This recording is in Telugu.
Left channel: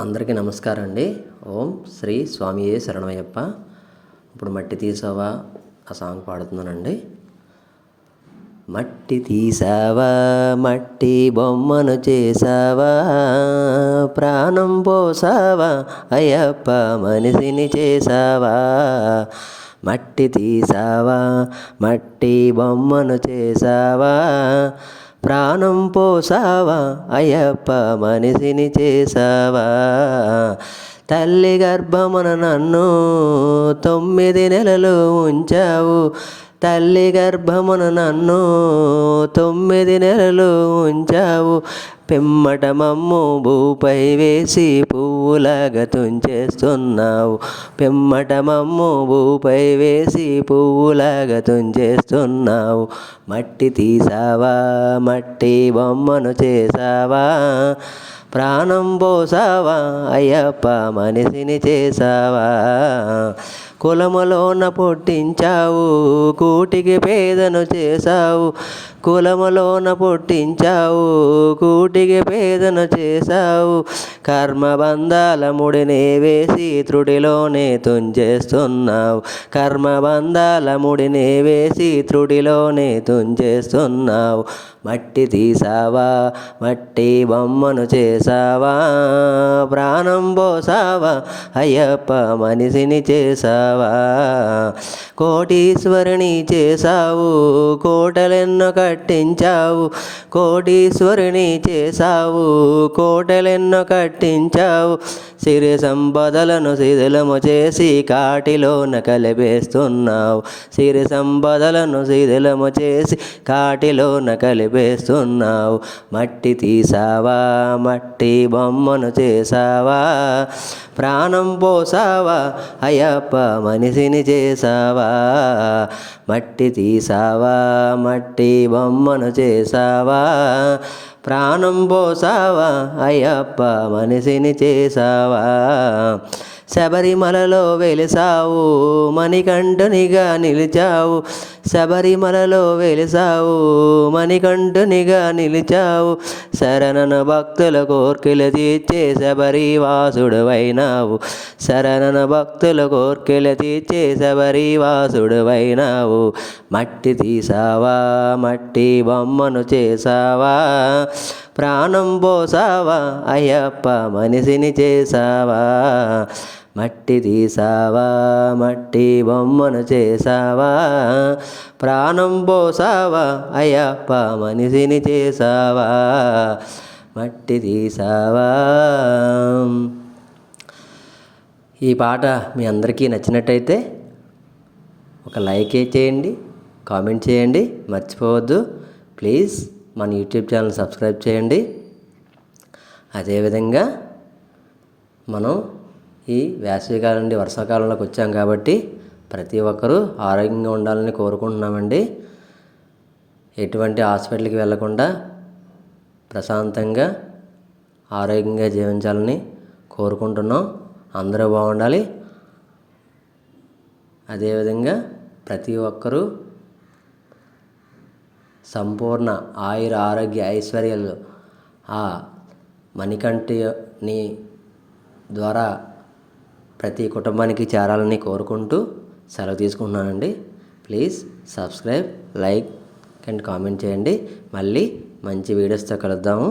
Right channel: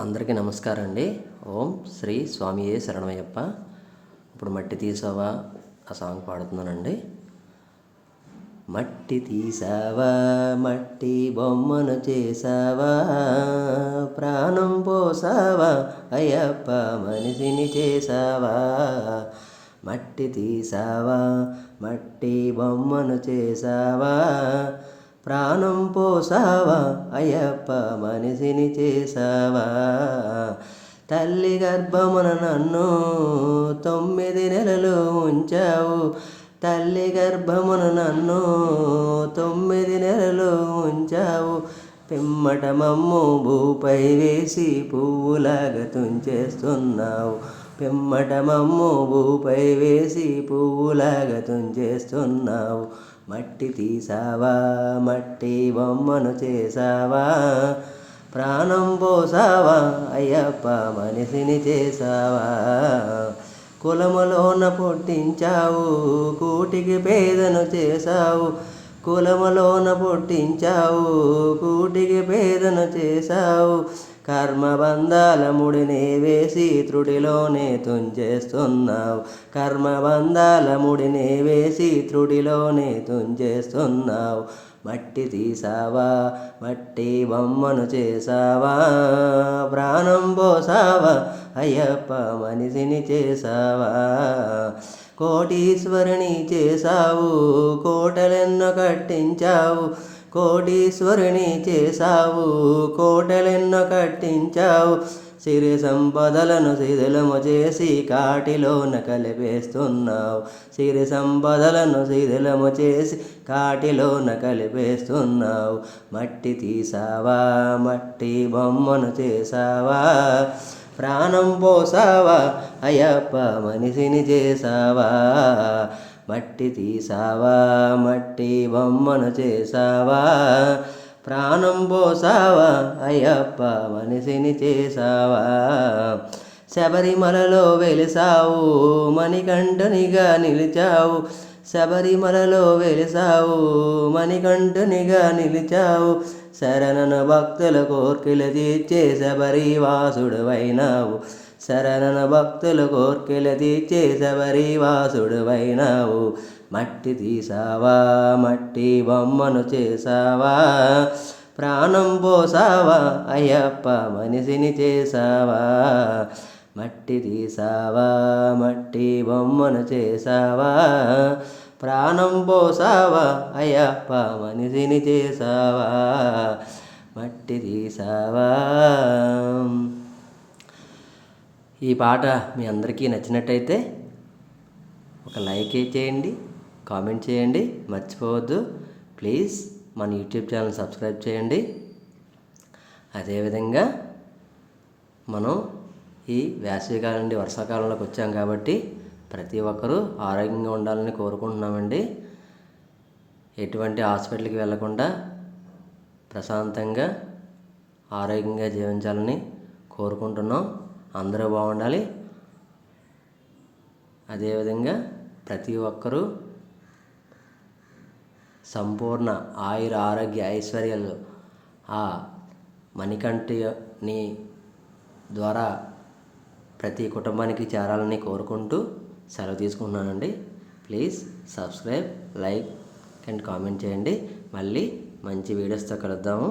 అందరికీ నమస్కారం అండి. ఓం శ్రీ స్వామియే శరణమయ్యప్ప. ఇప్పుడు మట్టి తీసావా ఆ సాంగ్ పాడుతున్నానండి. మట్టి తీసావా, మట్టి బొమ్మను చేసావా, ప్రాణం పోసావా అయ్యప్ప, మనిషిని చేసావా. మట్టి తీసావా, మట్టి బొమ్మను చేసావా, ప్రాణం పోసావా అయ్యప్ప, మనిషిని చేసావా. తల్లి గర్భమున నన్ను 9 నెలలు ఉంచావు, తల్లి గర్భమున నన్ను 9 నెలలు ఉంచావు. పిమ్మట మమ్ము భూపై వేసి పువ్వులాగా తుంచేస్తున్నావు, పిమ్మట మమ్ము భూపై వేసి పువ్వులాగా తుంచేస్తున్నావు. మట్టి తీసావా, మట్టి బొమ్మను చేసావా, ప్రాణం పోసావా అయ్యప్ప, మనిషిని చేసావా. కులములోన పుట్టించావు, కూటికి పేదను చేసావు, కులములోన పుట్టించావు, కూటికి పేదను చేసావు. కర్మబంధాల ముడినే వేసి త్రుడిలోనే తుంచేస్తున్నావు, కర్మబంధాల ముడినే వేసి త్రుడిలోనే తుంచేస్తున్నావు. మట్టి తీసావా, మట్టి బొమ్మను చేసావా, ప్రాణం పోసావా అయ్యప్ప, మనిషిని చేసావా. కోటీశ్వరిని చేసావు, కోటలెన్నో కట్టించావు, కోటీశ్వరిని చేసావు, కోటలెన్నో కట్టించావు. సిరి సంపదలను శిథిలము చేసి కాటిలోన కలిపేస్తున్నావు, సిరి సంపదలను శిథిలము చేసి కాటిలోన కలిపేస్తున్నావు. మట్టి తీసావా, మట్టి బొమ్మను చేసావా, ప్రాణం పోసావా అయ్యప్ప, మనిషిని చేసావా. మట్టి తీసావా, మట్టి బొమ్మను చేసావా, ప్రాణం పోసావా అయ్యప్ప, మనిషిని చేసావా. శబరిమలలో వెలిసావు, మణికంఠునిగా నిలిచావు, శబరిమలలో వెలిసావు, మణికంఠునిగా నిలిచావు. శరణన భక్తుల కోర్కెలు తీర్చే శబరివాసుడువైనావు, శరణన భక్తుల కోర్కెలు తీర్చే శబరివాసుడువైనావు. మట్టి తీసావా, మట్టి బొమ్మను చేసావా, ప్రాణం పోసావా అయ్యప్ప, మనిషిని చేసావా. మట్టి తీసావా, మట్టి బొమ్మను చేసావా, ప్రాణం పోసావా అయ్యప్ప, మనిషిని చేసావా. మట్టి తీసావా. ఈ పాట మీ అందరికీ నచ్చినట్టయితే ఒక లైక్ చేయండి, కామెంట్ చేయండి, మర్చిపోవద్దు. ప్లీజ్ మన యూట్యూబ్ ఛానల్ సబ్స్క్రైబ్ చేయండి. అదేవిధంగా మనం ఈ వేసవికాలం నుండి వర్షాకాలంలోకి వచ్చాం కాబట్టి ప్రతి ఒక్కరూ ఆరోగ్యంగా ఉండాలని కోరుకుంటున్నామండి. ఎటువంటి హాస్పిటల్కి వెళ్ళకుండా ప్రశాంతంగా ఆరోగ్యంగా జీవించాలని కోరుకుంటున్నాం. అందరూ బాగుండాలి. అదేవిధంగా ప్రతి ఒక్కరూ సంపూర్ణ ఆయుర ఆరోగ్య ఐశ్వర్యాలు ఆ మణికంఠుని ద్వారా ప్రతి కుటుంబానికి చేరాలని కోరుకుంటూ సెలవు తీసుకుంటున్నానండి. Please subscribe, like and comment చేయండి. మళ్ళీ మంచి వీడియోస్తో కలుద్దాము.